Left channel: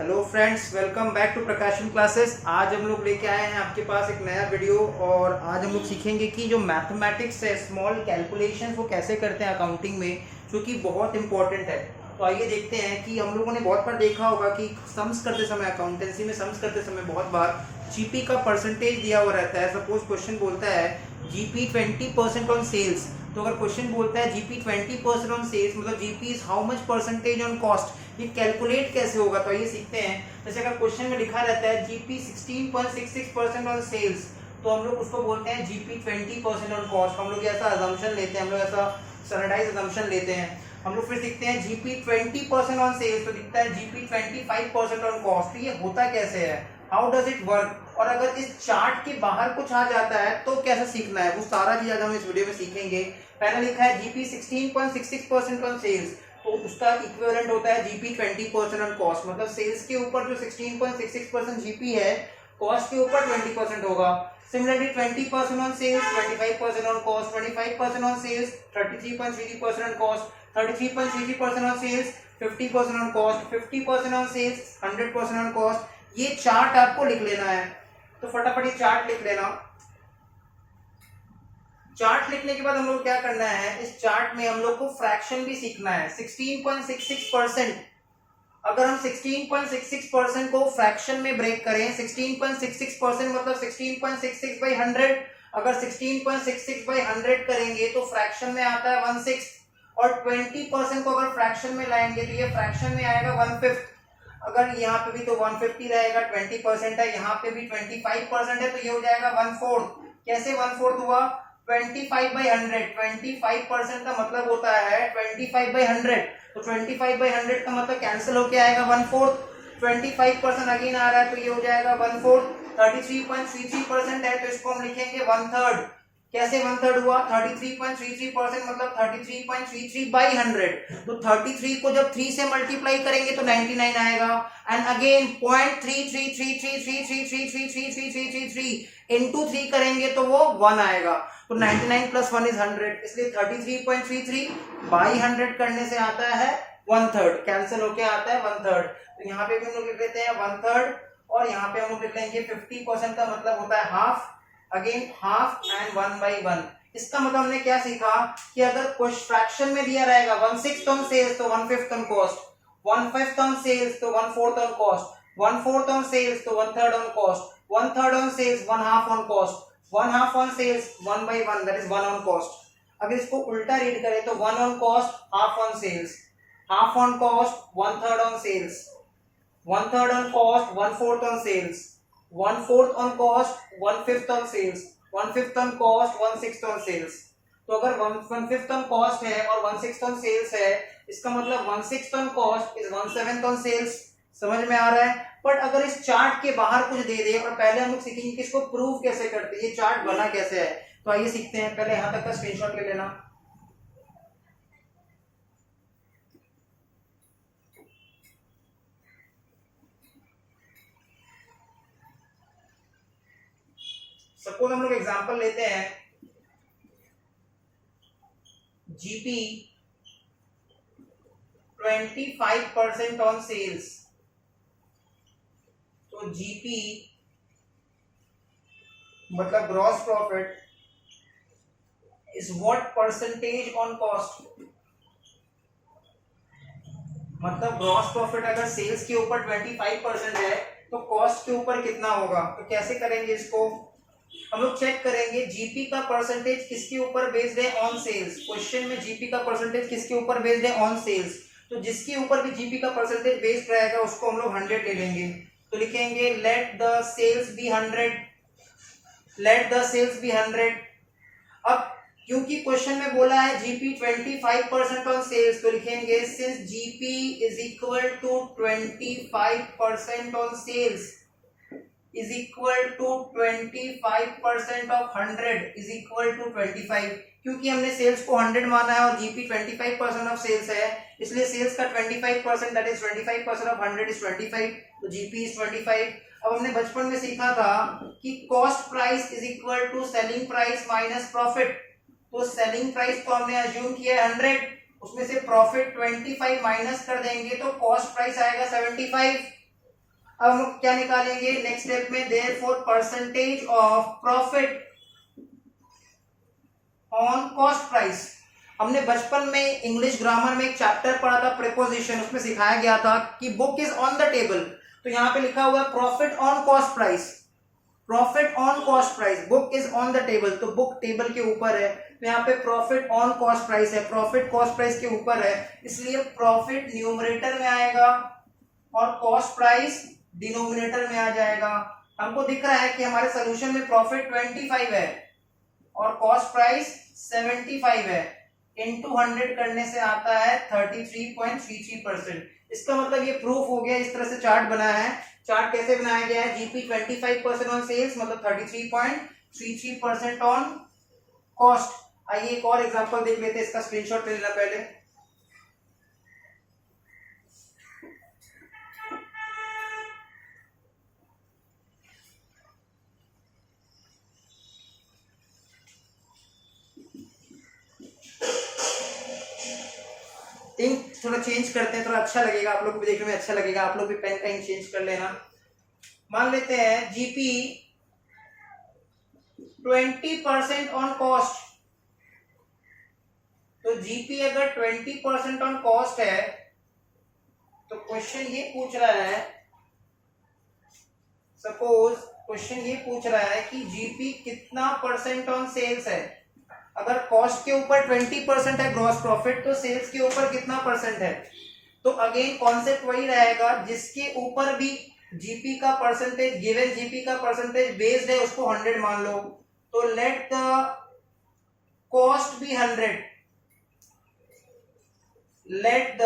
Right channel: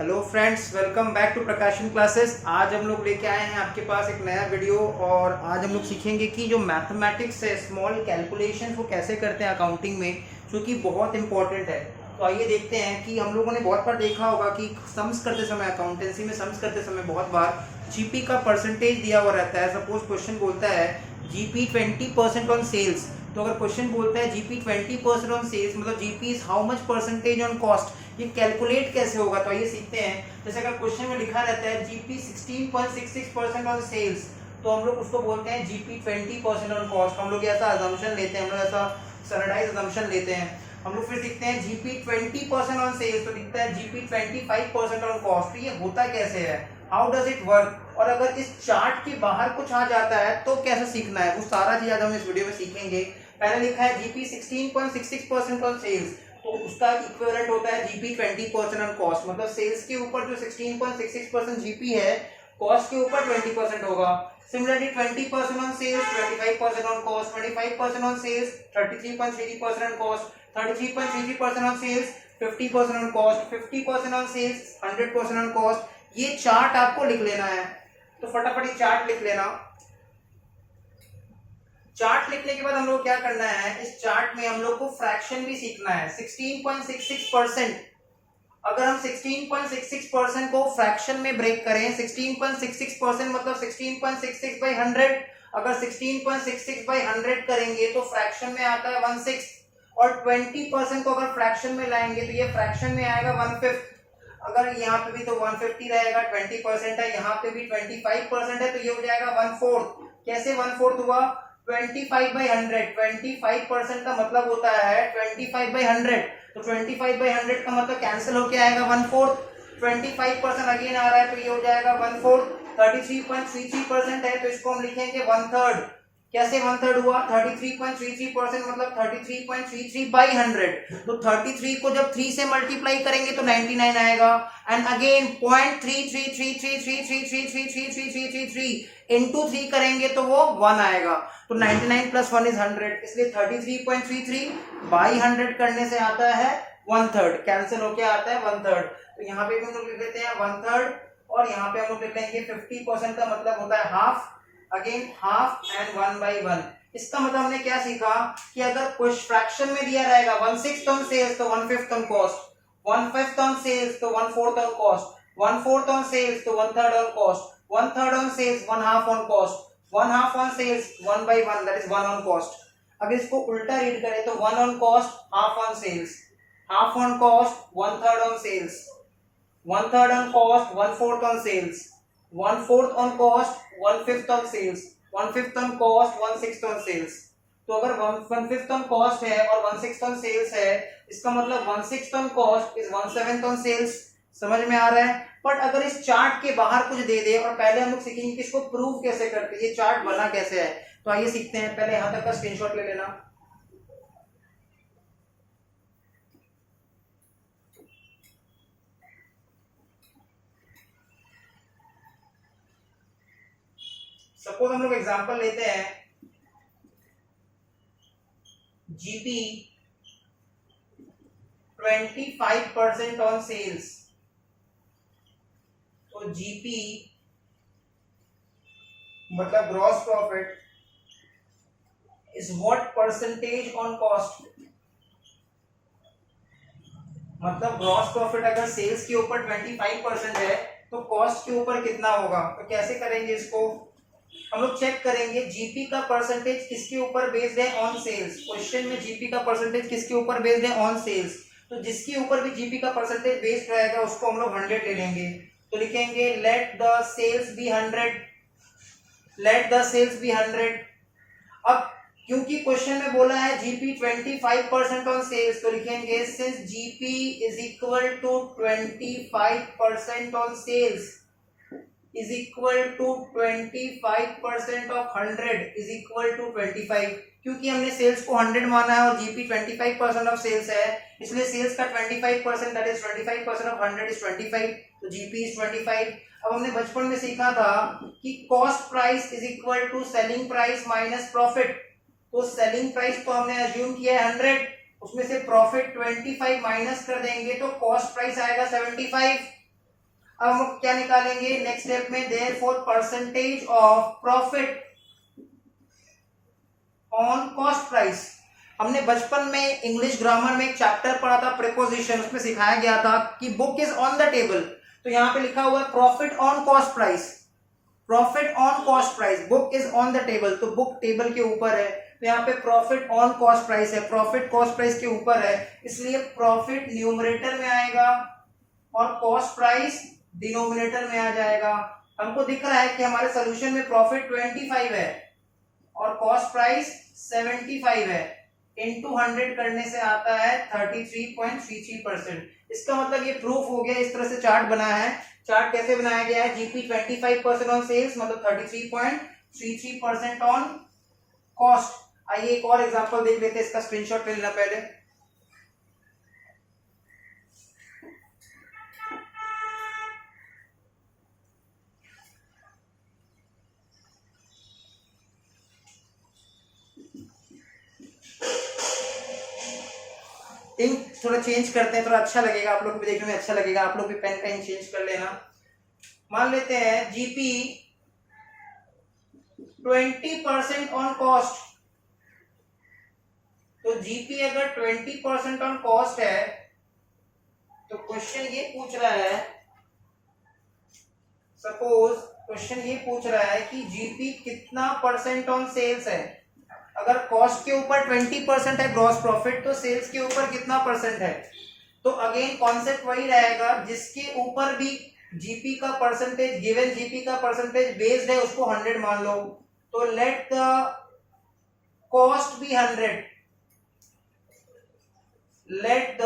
Hello friends, welcome back to Prakashan classes. आज हम लोग लेके आए हैं आपके पास एक नया वीडियो और आज हम लोग सीखेंगे कि जो मैथमेटिक्स है, स्मॉल कैलकुलेशन वो कैसे करते हैं अकाउंटिंग में, जो कि बहुत इंपॉर्टेंट है। तो आइए देखते हैं कि हम लोगों ने बहुत बार देखा होगा कि सम्स करते समय, अकाउंटेंसी में सम्स करते समय बहुत बार जीपी का परसेंटेज दिया हुआ रहता है। सपोज क्वेश्चन बोलता है जीपी 20% ऑन सेल्स, तो अगर क्वेश्चन बोलता है जीपी 20% ऑन सेल्स मतलब GP is how much percentage on cost, ये कैलकुलेट कैसे होगा। तो ये सीखते हैं। जैसे अगर क्वेश्चन में लिखा रहता है जीपी 16.66% ऑन सेल्स, तो हम लोग उसको बोलते हैं जीपी 20% ऑन कॉस्ट। हम लोग ऐसा अजम्पशन लेते हैं, हम लोग ऐसा स्टैंडर्डाइज अजम्पशन लेते हैं। हम लोग फिर सीखते हैं जीपी 20% ऑन सेल्स, तो दिखता है जीपी 25% ऑन कॉस्ट। तो ये होता कैसे है, हाउ डज इट वर्क, और अगर इस चार्ट के बाहर कुछ आ जाता है तो कैसे सीखना है, वो सारा चीज आज हम इस वीडियो में सीखेंगे। पहले लिखा है जीपी 16.66% ऑन सेल्स, तो उसका इक्विवेलेंट होता है जीपी 20% ऑन कॉस्ट। मतलब सेल्स के ऊपर जो 16.66% जीपी है, कॉस्ट के ऊपर 20% होगा। Similarly 20% on sales, 25% on cost, 25% on sales, 33.33% on cost, 33.33% on sales, 50% on cost, 50% on sales, 100% on cost. ये चार्ट आपको लिख लेना है, तो फटाफट ये चार्ट लिख लेना। चार्ट लिखने के बाद हम लोग क्या करना है, इस चार्ट में हम लोग को फ्रैक्शन भी सीखना है। 16.66%, अगर हम 16.66% को फ्रैक्शन में ब्रेक करें, 16.66% मतलब 16.66 बाई 100, अगर 16.66 बाई 100 करेंगे तो फ्रैक्शन में आता है 1/6, और 20% को अगर फ्रैक्शन में लाएंगे तो ये फ्रैक्शन में आएगा 1/5। अगर यहाँ पे भी तो 150 रहेगा, 20% है, यहाँ पे भी 25% है, तो ये हो जाएगा 1/4। कैसे 1/4 हुआ, 25/100, 25% का मतलब होता है 25/100, तो 25/100 का मतलब कैंसिल होके आएगा 1/4। 25% अगेन आ रहा है, तो ये हो जाएगा 1/4। 33.33% है, तो इसको हम लिखेंगे 1/3। कैसे 1/3 हुआ, 33.33% मतलब 33.33/100, तो 33 को जब 3 से मल्टीप्लाई करेंगे तो 99 आएगा। एंड अगेन 0.333333333333 इनटू 3 करेंगे तो वो 1 आएगा, तो 99 प्लस 1 इज 100, इसलिए 33.33/100 करने से आता है 1/3, कैंसिल होके आता है 1/3। तो यहाँ पे भी हम लोग लिख देते हैं 1/3, और यहाँ पे हम लोग लिख लेंगे 50% का मतलब होता है हाफ, अगेन हाफ एंड 1/1। इसका मतलब हमने क्या सीखा कि अगर कुछ फ्रैक्शन में दिया रहेगा 1/6 ऑन सेल्स तो 1/5 ऑन कॉस्ट, 1/5 ऑन सेल्स तो 1/4 ऑन कॉस्ट, 1/4 ऑन सेल्स तो 1/3 on cost, 1/3 on sales 1/2 on cost, 1/2 on sales 1/1, that is 1 on cost. अगर इसको उल्टा रीड करें तो 1 on cost, half on sales, half on cost, 1/3 on sales, 1/3 on cost, 1/4 on sales, 1/4 on cost, 1/5 on sales, 1/5 on cost, 1/6 on sales। तो अगर 1/5 on cost है और 1/6 on sales है, इसका मतलब 1/6 on cost is 1/7 on sales। समझ में आ रहा है। बट अगर इस चार्ट के बाहर कुछ दे दे, और पहले हम लोग सीखेंगे कि इसको प्रूव कैसे करते हैं, ये चार्ट बना कैसे है। तो आइए सीखते हैं। पहले यहां तक का स्क्रीनशॉट ले लेना। सपोज हम लोग एग्जांपल लेते हैं, जीपी 25% ऑन सेल्स, तो जीपी मतलब gross profit is what percentage on cost. मतलब ग्रॉस प्रॉफिट अगर सेल्स के ऊपर 25% है तो कॉस्ट के ऊपर कितना होगा। तो कैसे करेंगे इसको, हम लोग चेक करेंगे जीपी का परसेंटेज किसके ऊपर बेस्ड है, ऑन सेल्स। क्वेश्चन में जीपी का परसेंटेज किसके ऊपर बेस्ड है, ऑन सेल्स। तो जिसके ऊपर भी जीपी का परसेंटेज बेस्ड रहेगा उसको हम लोग 100 ले लेंगे। तो लिखेंगे let the sales be 100, let the sales be 100। अब क्योंकि क्वेश्चन में बोला है जीपी 25% ऑन सेल्स, तो लिखेंगे since GP is equal to 25% on sales is equal to 25% of 100 is equal to 25। क्योंकि हमने सेल्स को 100 माना है और जीपी 25% ऑफ सेल्स है, इसलिए सेल्स का 25% दैट इज 25% ऑफ 100 इज 25, तो जीपी इज 25। अब हमने बचपन में सीखा था कि cost price is equal to selling price minus profit, तो सेलिंग प्राइस को हमने अज्यूम किया है 100, उसमें से प्रॉफिट 25 माइनस कर देंगे तो कॉस्ट प्राइस आएगा 75। अब हम क्या निकालेंगे नेक्स्ट स्टेप में, therefore percentage of profit on cost price. हमने बचपन में इंग्लिश ग्रामर में एक चैप्टर पढ़ा था प्रीपोजिशन, उसमें सिखाया गया था कि book is on the table, तो यहाँ पे लिखा हुआ है profit on cost price, profit on cost price, book is on the table, तो बुक टेबल के ऊपर है, तो यहाँ पे प्रॉफिट ऑन कॉस्ट प्राइस है, प्रॉफिट कॉस्ट प्राइस के ऊपर है, इसलिए प्रॉफिट न्यूमरेटर में आएगा और कॉस्ट प्राइस डिनोमिनेटर में आ जाएगा। हमको दिख रहा है कि हमारे सोल्यूशन में प्रॉफिट 25 है और कॉस्ट प्राइस 75 है, इनटू 100 करने से आता है 33.33%। इसका मतलब ये प्रूफ हो गया। इस तरह से चार्ट बना है। चार्ट कैसे बनाया गया है, जीपी 25% ऑन सेल्स मतलब 33.33% ऑन कॉस्ट। आइए एक और एग्जांपल देख लेते हैं, इसका स्क्रीनशॉट ले लेना पहले। इंक थोड़ा चेंज करते हैं, थोड़ा अच्छा लगेगा, आप लोग को भी देखने में अच्छा लगेगा, आप लोग भी पेन का इंक चेंज कर लेना। मान लेते हैं जीपी 20% ऑन कॉस्ट, तो जीपी अगर 20% ऑन कॉस्ट है तो क्वेश्चन ये पूछ रहा है, सपोज क्वेश्चन ये पूछ रहा है कि जीपी कितना परसेंट ऑन सेल्स है। अगर कॉस्ट के ऊपर 20% है ग्रॉस प्रॉफिट, तो सेल्स के ऊपर कितना परसेंट है। तो अगेन कॉन्सेप्ट वही रहेगा, जिसके ऊपर भी जीपी का परसेंटेज, गिवन जीपी का परसेंटेज बेस्ड है उसको 100 मान लो, तो let the cost be 100, let the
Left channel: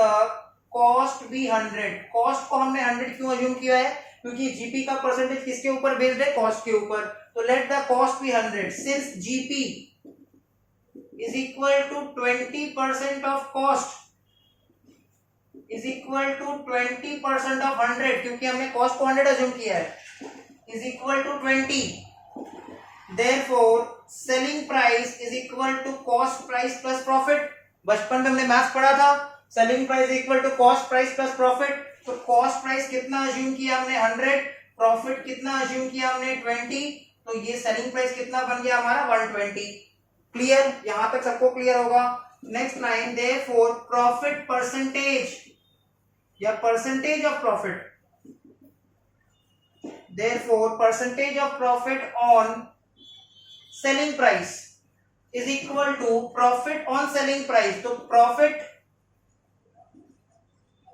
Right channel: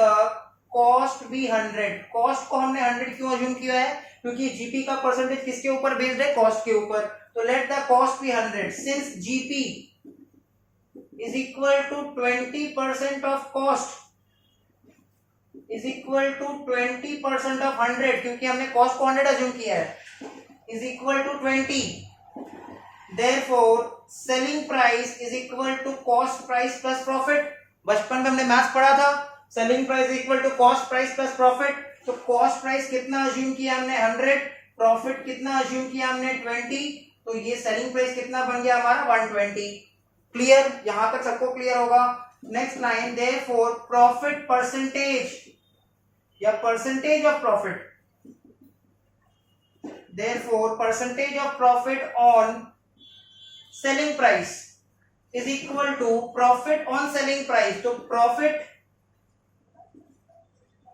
cost be 100। Cost को हमने 100 क्यों अज्यूम किया है, क्योंकि जीपी का परसेंटेज किसके ऊपर बेस्ड है, कॉस्ट के ऊपर, तो let the cost be 100 since GP is equal to 20% of cost is equal to 20% of 100, क्योंकि हमने कॉस्ट को 100 अज्यूम किया है, is equal to 20, therefore selling price is equal to cost price plus profit। बचपन में हमने मैथ्स पढ़ा था, selling price equal to cost price plus profit, तो कॉस्ट प्राइस कितना अज्यूम किया हमने 100, प्रॉफिट कितना अज्यूम किया हमने 20, तो ये सेलिंग प्राइस कितना बन गया हमारा 120। क्लियर, यहां तक सबको क्लियर होगा। Next line, therefore profit percentage या percentage of profit, therefore percentage of profit on selling price is equal to profit on selling price, तो profit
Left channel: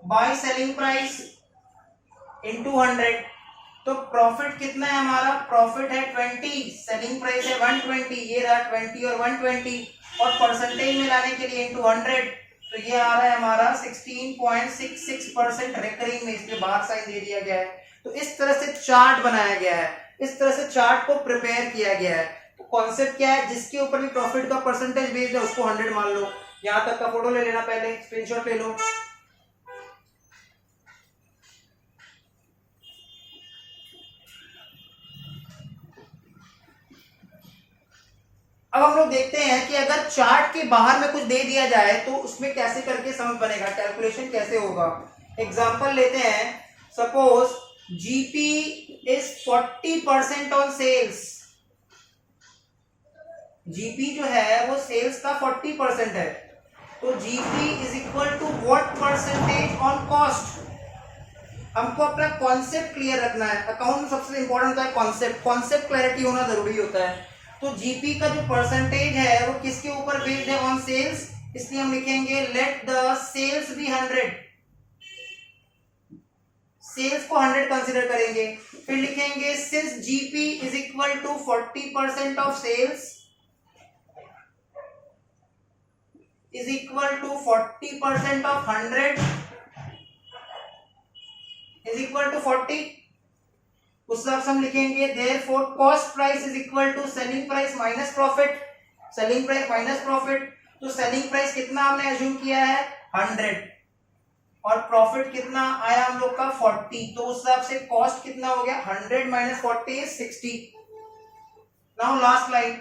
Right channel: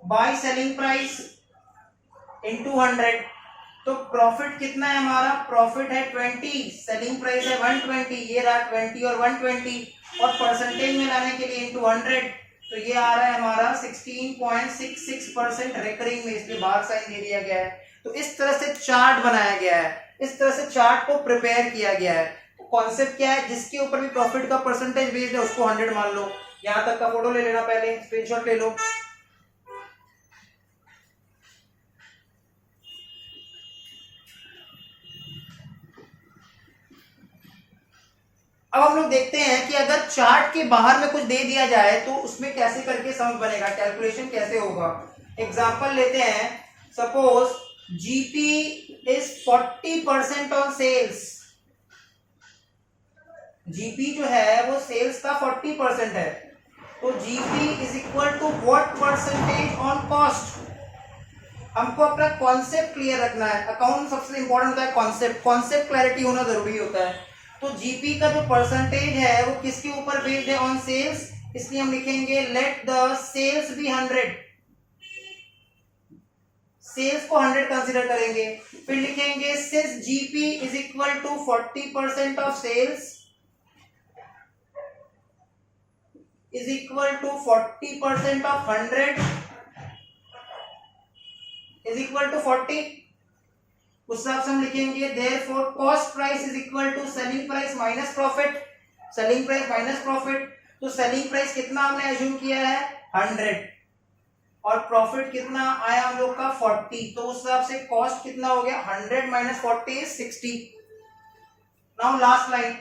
by selling price into 100, तो प्रॉफिट कितना है हमारा, प्रॉफिट है 20, सेलिंग प्राइस है 120, ये रहा 20 और 120, और परसेंटेज में लाने के लिए इनटू 100, तो ये आ रहा है हमारा 16.66% रेकरिंग में, इसलिए बाहर साइन दे दिया गया है। तो इस तरह से चार्ट बनाया गया है, इस तरह से चार्ट को प्रिपेयर किया गया है। तो कॉन्सेप्ट क्या है, जिसके ऊपर भी प्रॉफिट का परसेंटेज बेस्ड है उसको 100 मान लो। यहां तक का फोटो ले लेना, पहले स्क्रीनशॉट ले लो। अब हम लोग देखते हैं कि अगर चार्ट के बाहर में कुछ दे दिया जाए तो उसमें कैसे करके सम बनेगा, कैलकुलेशन कैसे होगा। एग्जांपल लेते हैं, suppose GP is 40% on sales, GP जो है वो सेल्स का 40% है, तो GP is equal to what percentage on cost. हमको अपना कॉन्सेप्ट क्लियर रखना है, अकाउंट में सबसे इंपॉर्टेंट होता है कॉन्सेप्ट, कॉन्सेप्ट क्लैरिटी होना जरूरी होता है। तो जीपी का जो परसेंटेज है वो किसके ऊपर बेस्ड है, ऑन सेल्स, इसलिए हम लिखेंगे let the sales be 100, sales को 100 कंसीडर करेंगे। फिर लिखेंगे since GP is equal to 40% of sales is equal to 40% of 100 is equal to 40, उस हिसाब से हम लिखेंगे therefore cost price is equal to selling price minus profit, selling price minus profit, तो सेलिंग प्राइस कितना हमने अज्यूम किया है 100 और प्रॉफिट कितना आया हम लोग का 40, तो उस हिसाब से कॉस्ट कितना हो गया 100 minus 40 is 60। Now last line,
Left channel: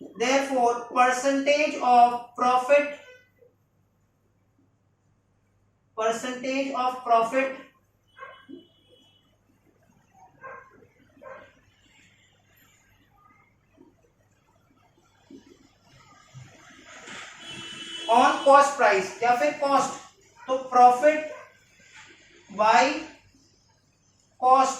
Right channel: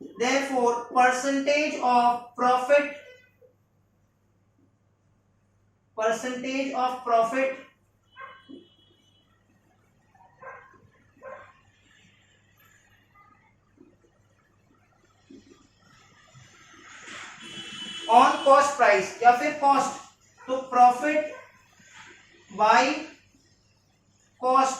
therefore percentage of profit, percentage of profit on cost price या फिर कॉस्ट, तो प्रॉफिट बाय कॉस्ट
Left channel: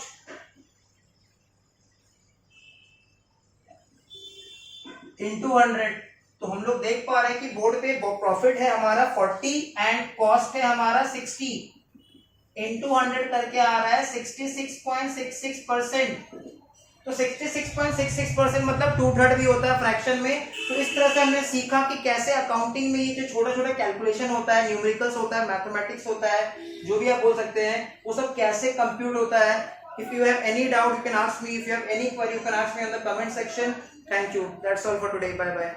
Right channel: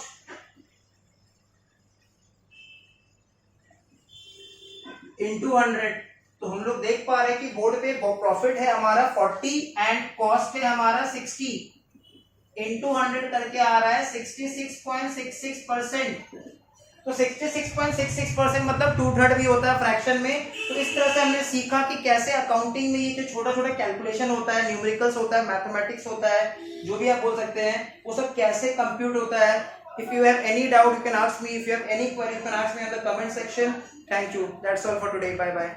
इंटू 100। तो हम लोग देख पा रहे हैं कि बोर्ड पे प्रॉफिट है हमारा 40 एंड कॉस्ट है हमारा 60, इंटू 100 करके आ रहा है 66.66%। तो 66.66% मतलब 2/3 भी होता है फ्रैक्शन में। तो इस तरह से हमने सीखा कि कैसे अकाउंटिंग में ये जो छोटा छोटा कैलकुलेशन होता है, न्यूमेरिकल्स होता है, मैथमेटिक्स होता है, जो भी आप बोल सकते हैं, वो सब कैसे कंप्यूट होता है। If you have any doubt, you can ask me. If you have any query, you can ask me on the comment section. Thank you. That's all for today. Bye bye.